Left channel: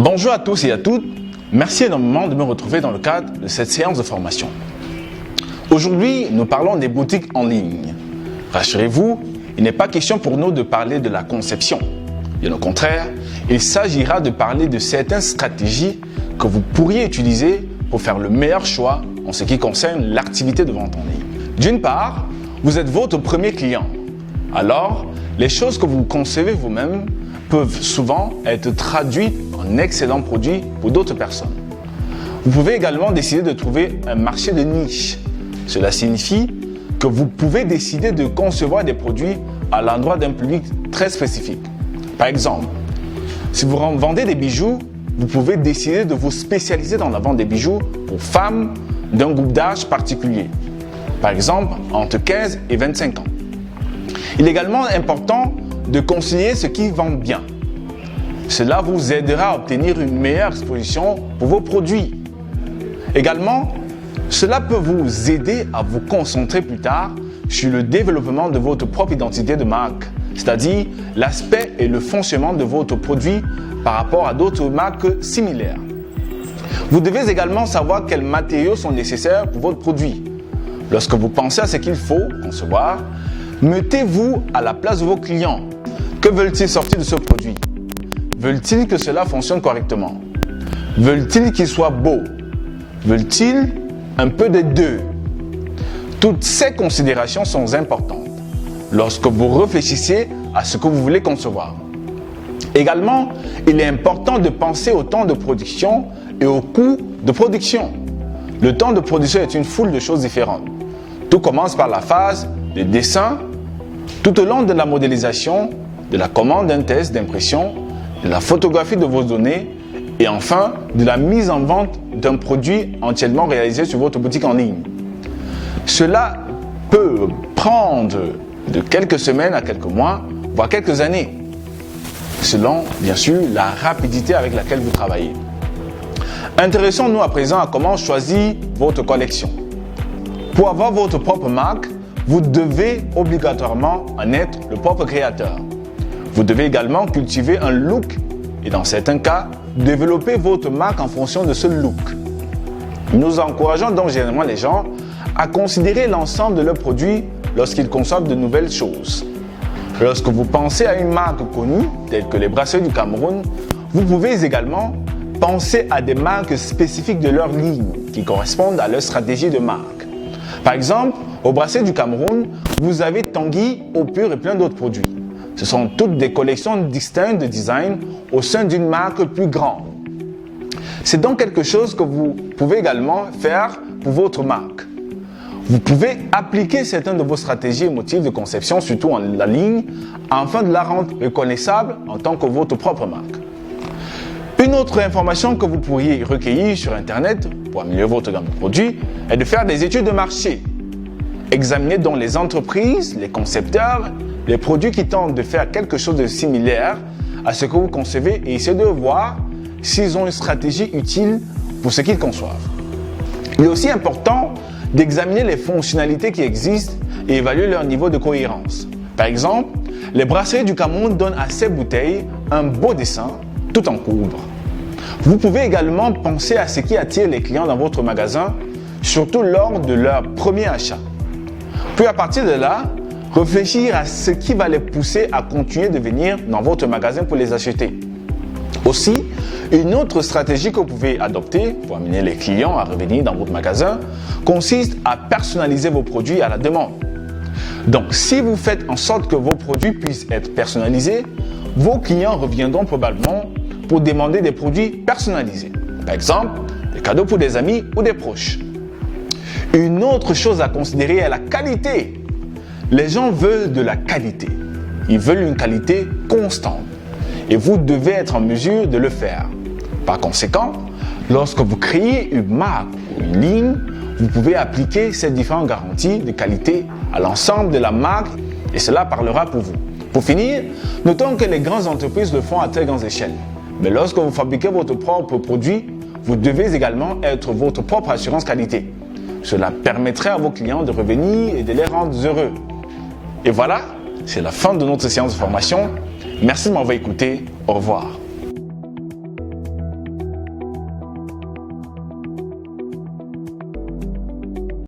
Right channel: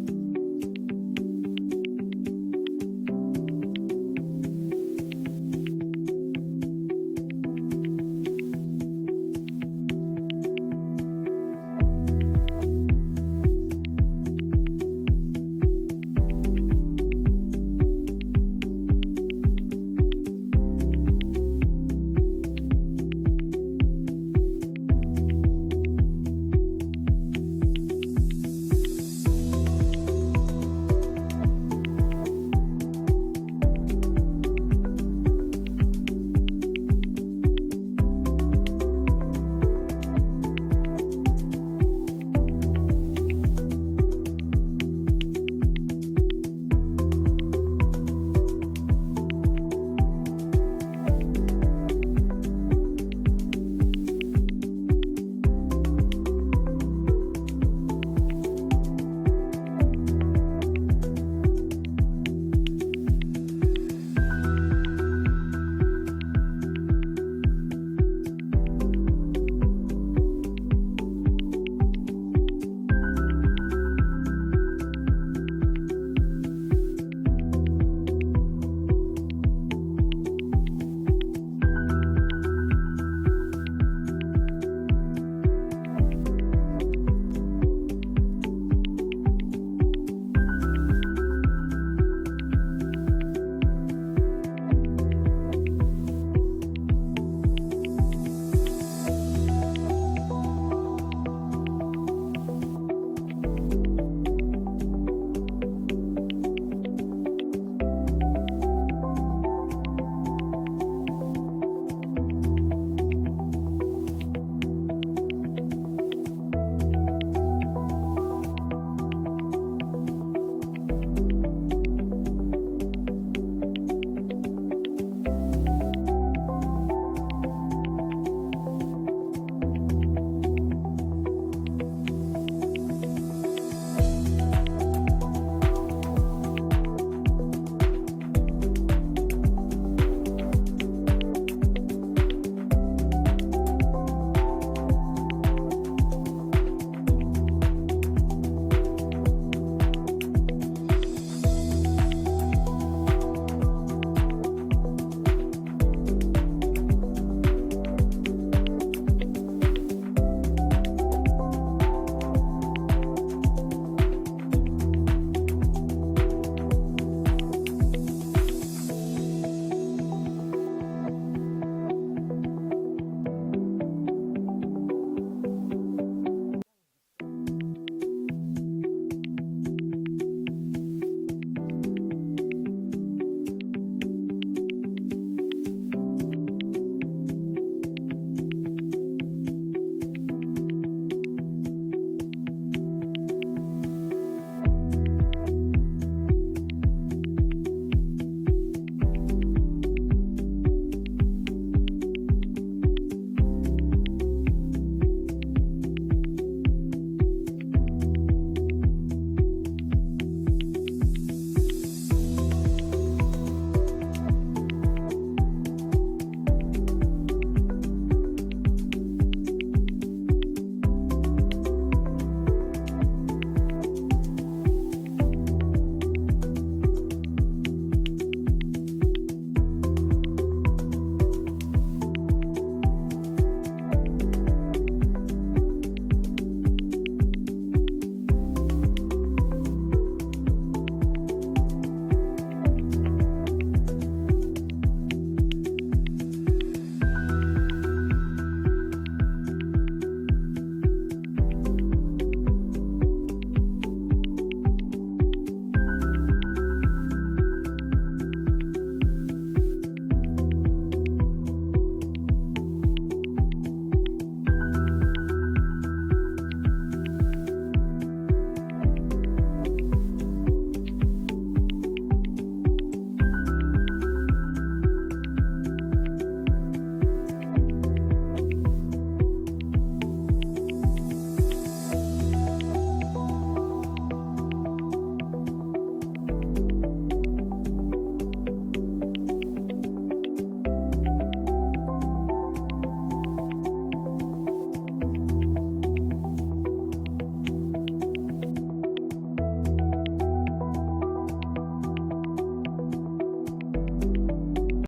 Bonjour à tous et à toutes, merci énormément de me retrouver dans le cadre de cette séance de formation. Aujourd'hui, nous parlons des boutiques en ligne. Rassurez-vous, il n'est pas question pour nous de parler de la conception. Bien au contraire, il s'agira de parler de certaines stratégies que vous pourriez utiliser pour faire le meilleur choix en ce qui concerne l'activité de vente en ligne. D'une part, vous êtes votre premier client. Alors, les choses que vous concevez vous-même peuvent souvent être traduites en excellents produits pour d'autres personnes. Vous pouvez également décider de trouver un marché de niche. Cela signifie que vous pouvez décider de concevoir des produits à l'endroit d'un public très spécifique. Par exemple, si vous vendez des bijoux, vous pouvez décider de vous spécialiser dans la vente des bijoux aux femmes d'un groupe d'âge particulier. Par exemple, entre 15 et 25 ans. Il est également important de conseiller ce qui vend bien. Cela vous aidera à obtenir une meilleure exposition pour vos produits. Également, cela peut vous aider à vous concentrer plus tard sur le développement de votre propre identité de marque, c'est-à-dire l'aspect et le fonctionnement de votre produit par rapport à d'autres marques similaires. Vous devez également savoir quels matériaux sont nécessaires pour votre produit. Lorsque vous pensez à ce qu'il faut concevoir, mettez-vous à la place de vos clients. Que veulent-ils sortir de ce produit? Veulent-ils que cela fonctionne correctement? Veulent-ils qu'il soit beau? Veulent-ils un peu des deux? Toutes ces considérations sont importantes lorsque vous réfléchissez à ce que vous voulez concevoir. Également, il est important de penser au temps de production et au coût de production. Le temps de production est une foule de choses différentes. Tout commence par la phase de dessin, tout au long de la modélisation, de la commande d'un test d'impression, de la photographie de vos données et enfin de la mise en vente d'un produit entièrement réalisé sur votre boutique en ligne. Cela peut prendre de quelques semaines à quelques mois, voire quelques années, selon bien sûr la rapidité avec laquelle vous travaillez. Intéressons-nous à présent à comment choisir votre collection. Pour avoir votre propre marque, vous devez obligatoirement en être le propre créateur. Vous devez également cultiver un look et dans certains cas, développer votre marque en fonction de ce look. Nous encourageons donc généralement les gens à considérer l'ensemble de leurs produits lorsqu'ils consomment de nouvelles choses. Lorsque vous pensez à une marque connue, telle que les bracelets du Cameroun, vous pouvez également penser à des marques spécifiques de leur ligne qui correspondent à leur stratégie de marque. Par exemple, au bracelet du Cameroun, vous avez Tanguy, Eau Pure et plein d'autres produits. Ce sont toutes des collections distinctes de design au sein d'une marque plus grande. C'est donc quelque chose que vous pouvez également faire pour votre marque. Vous pouvez appliquer certaines de vos stratégies et motifs de conception, surtout en la ligne, afin de la rendre reconnaissable en tant que votre propre marque. Une autre information que vous pourriez recueillir sur Internet pour améliorer votre gamme de produits est de faire des études de marché. Examinez donc les entreprises, les concepteurs, les produits qui tentent de faire quelque chose de similaire à ce que vous concevez et essayez de voir s'ils ont une stratégie utile pour ce qu'ils conçoivent. Il est aussi important d'examiner les fonctionnalités qui existent et évaluer leur niveau de cohérence. Par exemple, les bracelets du Cameroun donnent à ces bouteilles un beau dessin tout en courbe. Vous pouvez également penser à ce qui attire les clients dans votre magasin, surtout lors de leur premier achat. Puis à partir de là, réfléchir à ce qui va les pousser à continuer de venir dans votre magasin pour les acheter. Aussi, une autre stratégie que vous pouvez adopter pour amener les clients à revenir dans votre magasin consiste à personnaliser vos produits à la demande. Donc, si vous faites en sorte que vos produits puissent être personnalisés, vos clients reviendront probablement pour demander des produits personnalisés. Par exemple, des cadeaux pour des amis ou des proches. Une autre chose à considérer est la qualité. Les gens veulent de la qualité. Ils veulent une qualité constante. Et vous devez être en mesure de le faire. Par conséquent, lorsque vous créez une marque ou une ligne, vous pouvez appliquer ces différentes garanties de qualité à l'ensemble de la marque et cela parlera pour vous. Pour finir, notons que les grandes entreprises le font à très grande échelle. Mais lorsque vous fabriquez votre propre produit, vous devez également être votre propre assurance qualité. Cela permettrait à vos clients de revenir et de les rendre heureux. Et voilà, c'est la fin de notre séance de formation. Merci de m'avoir écouté. Au revoir.